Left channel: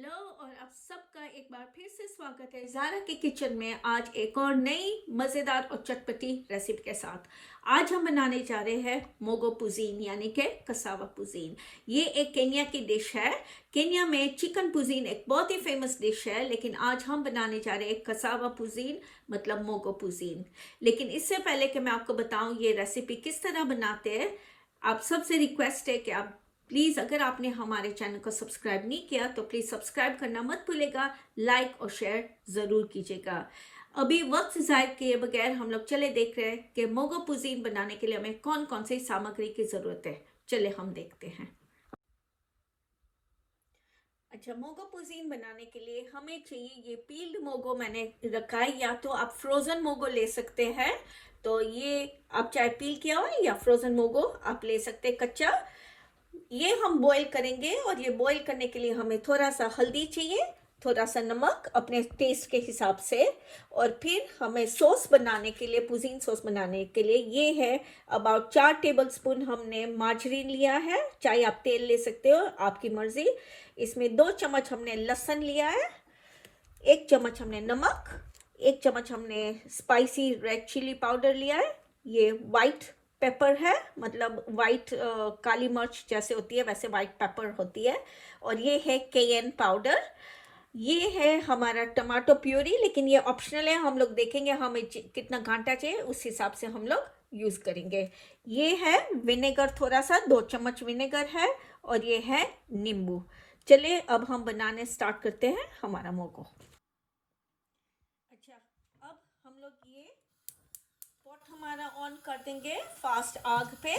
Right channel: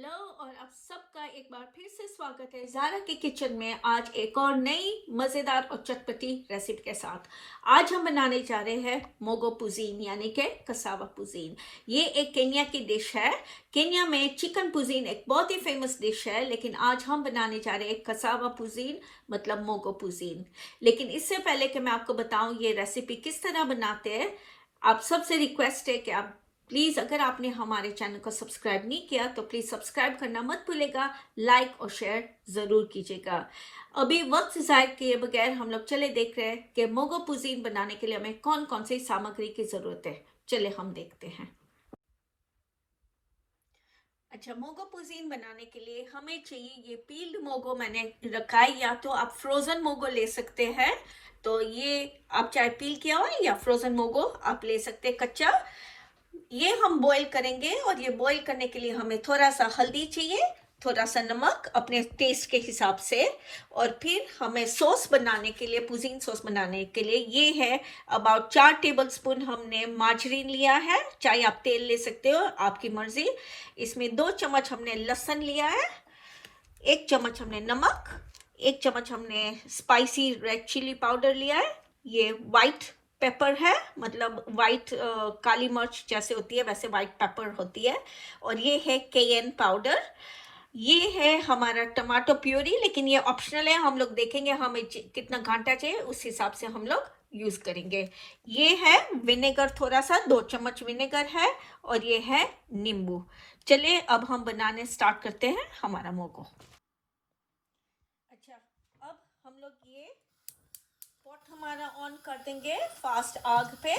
Hello और आप सबका एक बार फिर से स्वागत है ज़ारा के किचन में। आज एक और नई मज़ेदार और चटपटी रेसिपी के साथ आज हम बनाने जा रहे हैं मोगो पुजीन यानी कि कसावा पुजीन। ये एक केन्या की डिश है। केन्या में चिकन पुजीन एक बहुत ही फेमस डिश है, लेकिन आज हम बनाने जा रहे हैं कसावा पुजीन मतलब मोगो पुजीन। लेकिन इससे पहले कि मैं आपको बताऊं ये रेसिपी किस तरह बनाते हैं, आप सबसे रिक्वेस्ट है कि आप प्लीज़ अगर आपने हमारे चैनल को सब्सक्राइब नहीं किया तो प्लीज़ सब्सक्राइब करना मत भूलेगा, लाइक और शेयर ज़रूर कीजिएगा। अभी वक्त ज़ाया किए बगैर हम लोग चले देख रहे हैं कि मोगो पुजीन बनाने के लिए हमें कौन कौन सी सामग्री की ज़रूरत है। चले हम देखते हैं। अच्छा, मोगो पुजीन बनाने के लिए हमें चाहिए ये पील्ड मोगो मैंने रखा है, या तो आप फ्रोज़न मोगो ले सकते हैं। तो ये आप चाहे पील किया हुआ या फ्रोज़न मोगो आप ले सकते हैं कच्चा। ये हम बॉईल करेंगे और ये बॉईल करने के लिए हमें थोड़ा सा हल्दी चाहिए, थोड़ा सा नमक अपने टेस्ट के हिसाब से, और फिर हमें सॉस बनाने के लिए, पुजीन सॉस बनाने के लिए ये है अबाउट 4 टेबलस्पून हमने मार्जरीन लिया है, चाहे आप तेल ले सकते हो, आपकी मर्जी। इसमें 2 चम्मच हमने लहसुन लिया है, 1 चम्मच हमने नमक, 1 चम्मच हमने स्पाइसी रेड चिली पाउडर लिया है। ये वाइट पेपर है, मतलब वाइट काली मिर्च जैसे होती है वैसे वाइट पेपर होती है। और ये है केयन पाउडर। ये है हमारा टमाटो प्यूरी, लेकिन ये ऑप्शनल है, हम लोग देखेंगे हमें कितना घंटा चाहिए उस हिसाब से हम लोग यूज करेंगे। ये है विनेगर, थोड़ा सा 2 चम्मच विनेगर है, और ये है नींबू। चलिए अब हम बनाने स्टार्ट करते हैं हमारा मोगो। अच्छा, अब हम लोग ये पॉट हमारा ऑन कर देंगे फास्ट आग पे,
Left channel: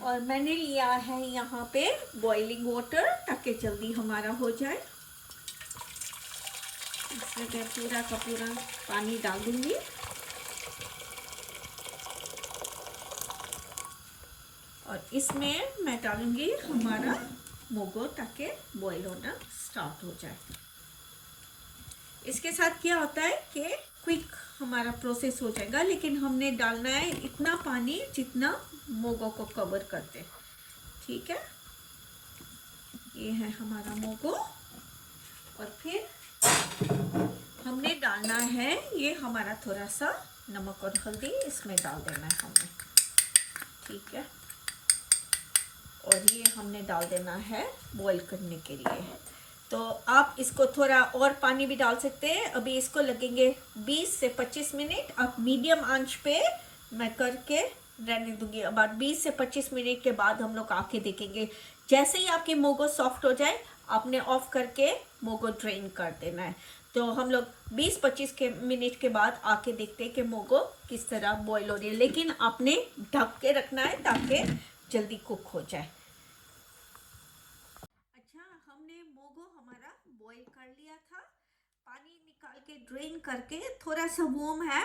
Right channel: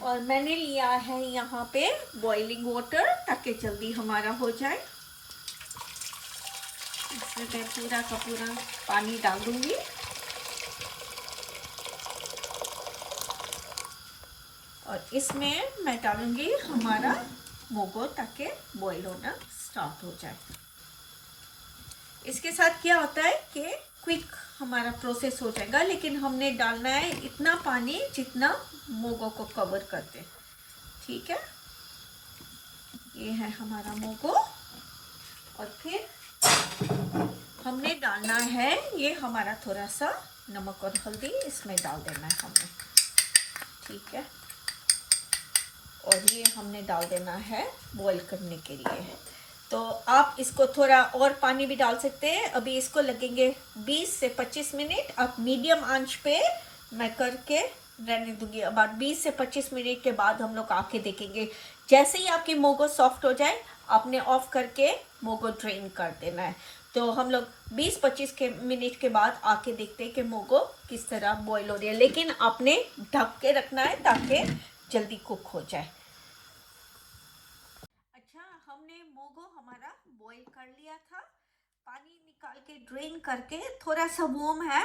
और मैंने लिया है यहाँ पे बॉइलिंग वाटर ताकि जल्दी हमारा हो जाए। इसमें मैं पूरा का पूरा पानी डाल दूंगी। और इसमें मैं डालूंगी हमारा मोगो ताकि बॉईल होना स्टार्ट हो जाए। इसके साथ क्या होता है कि क्विक हमारा प्रोसेस हो जाएगा, लेकिन हमने डालना है इतना पानी जितना मोगो को कवर करते। ठीक है, ये है हमारा मोगो। और फिर हमने डालना है ये हमारा थोड़ा सा नमक और हल्दी इसमें डाल देना है हमने। ठीक है, और ये हमने डाल देना है बॉईल करने के लिए। तो आप इसको थोड़ा और पानी भी डाल सकते हैं। अभी इसको लगेंगे 20 से 25 मिनट। आप मीडियम आंच पे मैं करके रहने दूंगी। अबाउट 20 से 25 मिनट के बाद हम लोग आके देखेंगे। जैसे ही आपकी मोगो सॉफ्ट हो जाए आपने ऑफ करके मोगो ड्रेन कर देना है। तो हम लोग 20-25 मिनट के बाद आके देखते हैं कि मोगो किस तरह बॉयल हो रही है, लेकिन आपने ढक के रखना है ताकि जल्दी कुक हो जाए। हमने मोगो हमारा बॉईल कर लिया था, पानी निकाल के ड्रेन करके, थोड़ा सा वार्म है,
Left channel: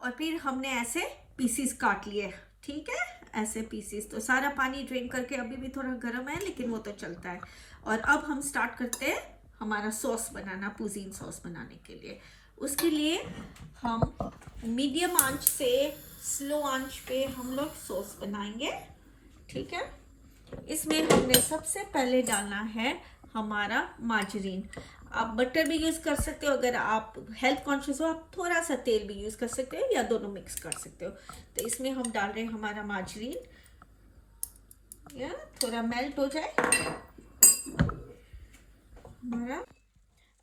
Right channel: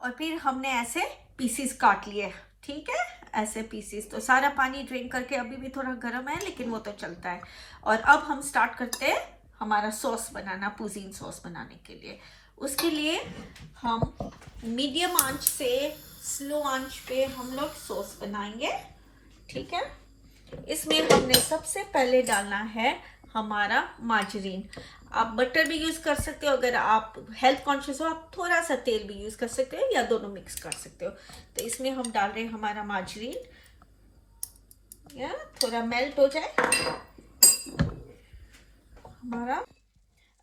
और फिर हमने ऐसे पीसेस काट लिए। ठीक है, ऐसे पीसेस। तो सारा पानी ड्रेन करके, अभी भी थोड़ा गर्म है लेकिन वो तो चलता है। और अब हम स्टार्ट करते हैं हमारा सॉस बनाना, पुजीन सॉस बनाने के लिए। उसके लिए हम मीडियम आंच से स्लो आंच पे हम लोग सॉस बनाएंगे। ठीक है, इसमें हमने सबसे पहले डालना है हमारा मार्जरीन। आप बटर भी यूज़ कर सकते हो, अगर आप हेल्थ कॉन्शियस हो आप थोड़ा सा तेल भी यूज़ कर सकते हो, या दोनों मिक्स कर सकते हो। तो इसमें हम डाल रहे हैं हमारा मार्जरीन, या थोड़ा मेल्ट हो जाए हमारा।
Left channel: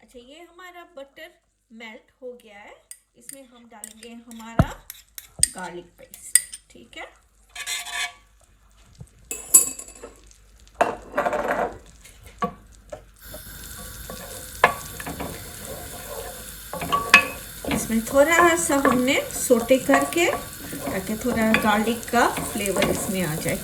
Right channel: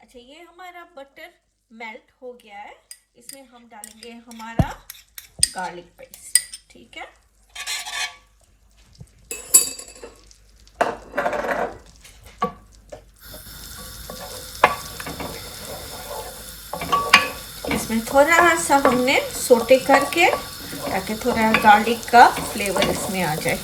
अच्छा, ये हमारा बटर मेल्ट हो गया है। इसमें हम डालेंगे हमारा गार्लिक पेस्ट। ठीक है, इसमें थोड़ा सा हमने सोटे करके ताकि थोड़ा गार्लिक का फ्लेवर इसमें आ जाए।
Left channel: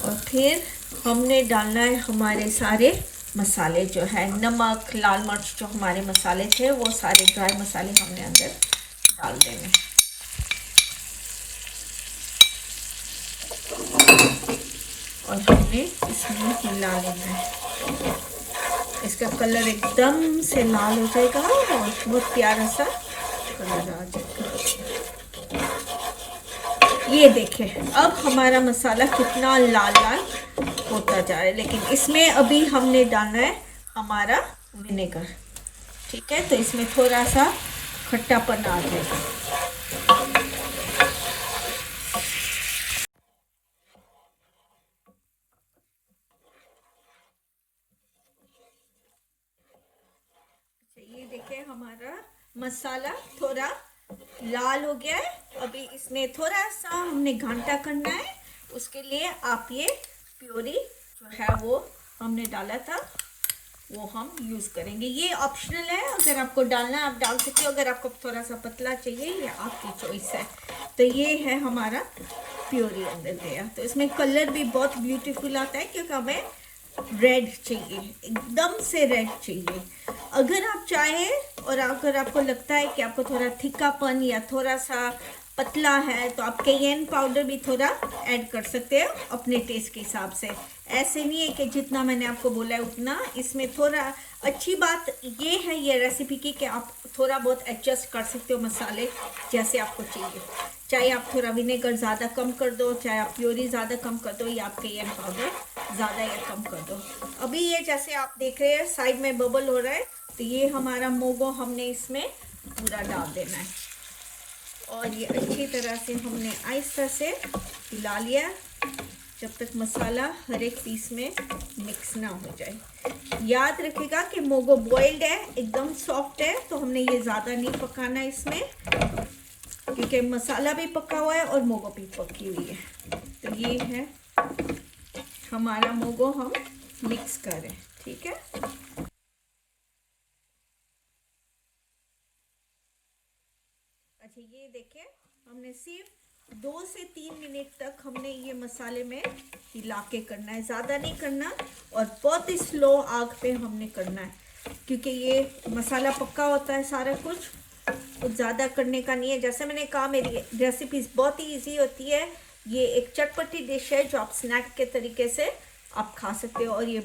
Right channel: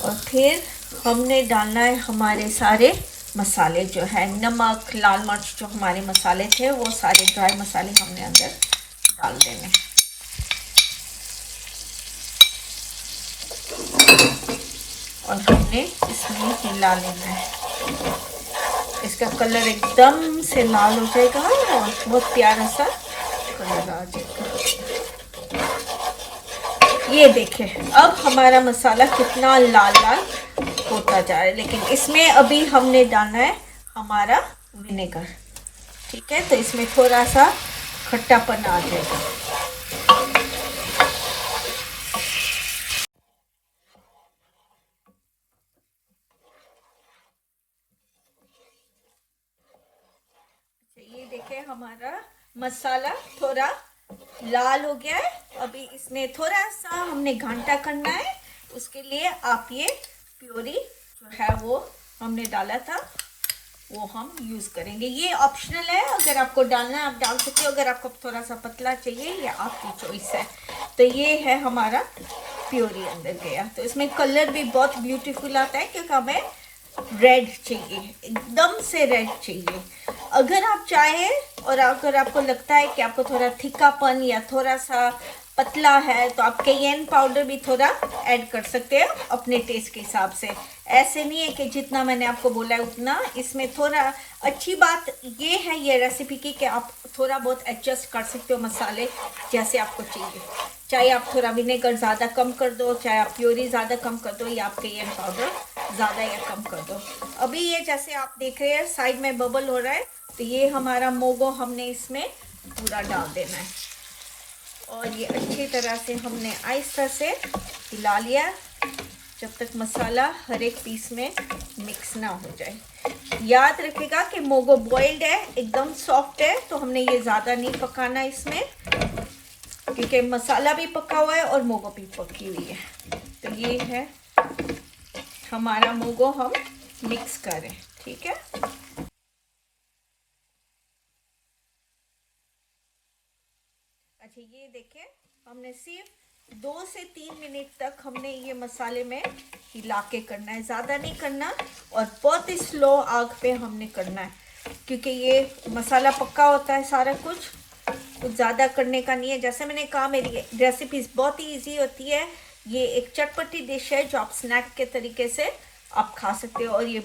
और फिर हमने डालना है हमारे सारे मसाले, जो है नमक, लाल मिर्च, जो हमारे मसाले थे वो सारे ड्राई मसाले हमने अंदर डाल देने। और हमने इसमें हिला लेना है। इसका कलर एकदम से लाल हो जाएगा और बहुत प्यारा सा कलर आ जाएगा। ये देखिए अब हमारा मसाला कितना लाल लाल हो होता जा रहा है। लेकिन इसमें अभी हमने डालना है हमारा विनेगर, ठीक है, तो इसमें थोड़ा सा खट्टापन आ जाएगा। ये देखें हमारा मसाला थोड़ा लाल हो गया है। अभी इसमें थोड़ा सा हमने घंटा करना है, उसके लिए आप ये प्योरी जो है वो हमने डाला था वो हम यूज़ करेंगे। ये ऑप्शनल है, अगर आपको डालना है आप डाल सकते हो, अगर आपको थोड़ा सा पतला चाहिए ये आपकी चॉइस है। तो ये है हमारा प्योरी अंदर गया। तो इसमें कलर भी बहुत ब्यूटीफुल आता है क्योंकि हमें रेड चाहिए, एकदम से रेड चाहिए। अगर आप चाहें और अगर आपको लगता है कि आपको थोड़ा थिकापन या थोड़ा सा पतला है तो आप कैयन पाउडर भी थोड़ा ऐड कर सकते हैं अपने टेस्ट के हिसाब से। ऐसे नहीं है कि जितना मैंने आपको बोला है उतना। इसमें थोड़ा अच्छी बात ये है ये रेसिपी की कि आप थोड़ा बहुत एडजस्ट कर सकते हो मसाले जैसे आपको चाहिए। चाहे आप थोड़ा विनेगर ज़्यादा कम कर दो, चाहे आप प्योरी ज़्यादा कम कर दो, या आप कैयन पाउडर ज़्यादा या कम कर दो। अभी ये जैसे आप देख रहे हैं साइड में बबल हो रहा है, तो ये हमारा मोगो हमने इसमें पूरा डाल देना है और ये अच्छी तरह से हमने आहिस्ता से हिला लिया जब तक मसाला हर एक पीस में मिक्स ना हो जाए। याद रखिएगा कि मोगो बॉइल्ड है, एकदम सॉफ्ट है, तो हमने ये ज़्यादा नहीं पकाना इसमें क्योंकि मसाला भी पका हुआ है और मोगो भी पकी हुई है। तो ये है हमारा मोगो, हम मिक्स करें, ठीक है। अच्छा ये देखें, हमने सिर्फ 2 से 3 मिनट तक हमने ये मसाले में हिला के करना है, ज़्यादा नहीं करना और बहुत ही स्लो आग पे हमने करना है क्योंकि ये मसाला पक्का होता है सारा कुछ ज़्यादा करने का नहीं है। जैसे मैंने कहा मेरी रेसिपीज़ बहुत ही ईजी होती है। ये एक चटपटी डिश है जो आप स्नैक के तरीके से आप खा सकते हो और ये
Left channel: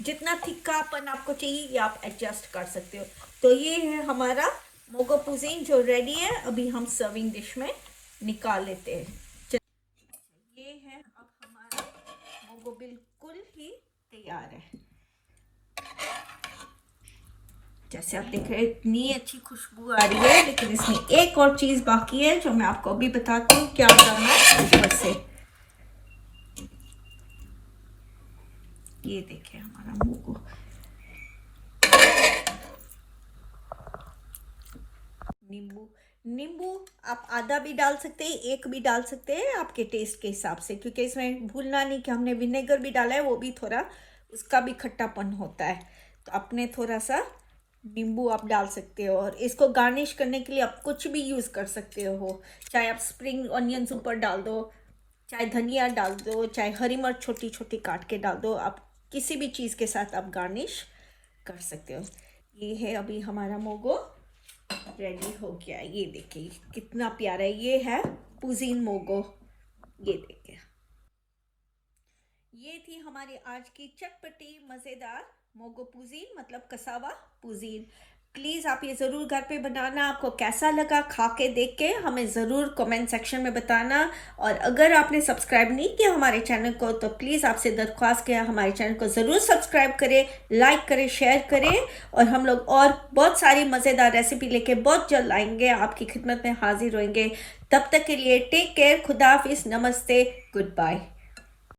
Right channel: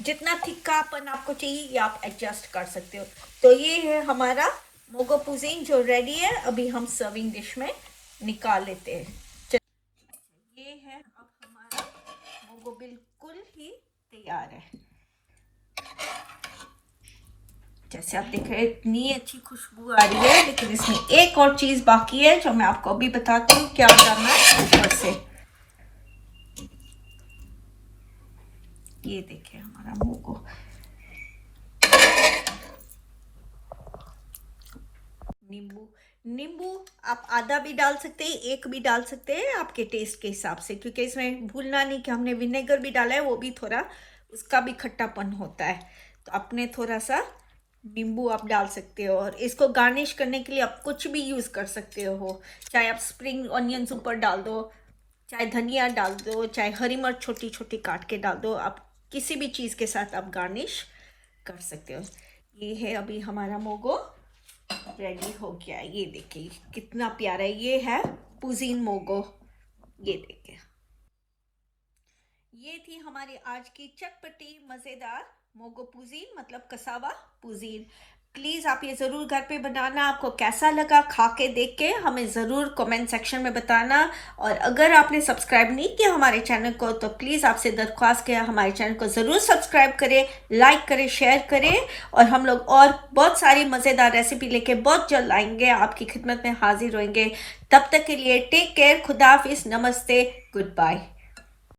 जितना थिक्कापन आपको चाहिए ये आप एडजस्ट कर सकते हो। तो ये है हमारा मोगो पुजीन जो रेडी है। अभी हम सर्विंग डिश में निकाल लेते हैं। ये है अब हमारा मोगो बिल्कुल ही तैयार है। जैसे आप देख रहे हैं इतनी अच्छी खुशबू आ रही है, लेकिन इसमें एक और चीज़ बाकी है जो मैं आपको अभी बताती हूँ क्या करना है ऊपर से। ये देखिए हमारा मोगो नींबू आप आधा भी डाल सकते हैं, एक भी डाल सकते हैं आपके टेस्ट के हिसाब से, क्योंकि इसमें भूलना नहीं कि हमने विनेगर भी डाला है, वो भी थोड़ा उसका भी खट्टापन होता है। तो आपने थोड़ा सा नींबू आप डाल सकते हो और इसको गार्निश करने के लिए आप कुछ भी यूज़ कर सकते हो। चाहे आप स्प्रिंग ऑनियंस ऊपर डाल दो, चाहे धनिया डाल दो, चाहे हरी मिर्च छोटी छोटी काट के डाल दो, आप किसी भी चीज़ के साथ आप गार्निश कर सकते हो। ये है अभी हमारा मोगो रेडी हो गया है। ये देखिए कितना प्यारा है, ये है पुजीन मोगो। ये देखिए ये थी हमारी आज की चटपटी मज़ेदार मोगो पुजीन, मतलब कसावा पुजीन। प्लीज़ आप ये ज़रूर घर पे बनाना। आपको कैसा लगा खा के देख के हमें ज़रूर कमेंट सेक्शन में बताना। और अगर आपने सब्सक्राइब नहीं किया हमारे चैनल को तो प्लीज़ आपसे दरख्वास्त है हमारे चैनल को ज़रूर सब्सक्राइब करें, लाइक करें, शेयर करें। और हम लोग और बहुत सारी मज़ेदार रेसिपी लेके बहुत जल्द आएंगे, आपकी खिदमत में हाजिर होंगे। तब तक के लिए टेक केयर, खुदा हाफिज़, नमस्ते, गुड बाय।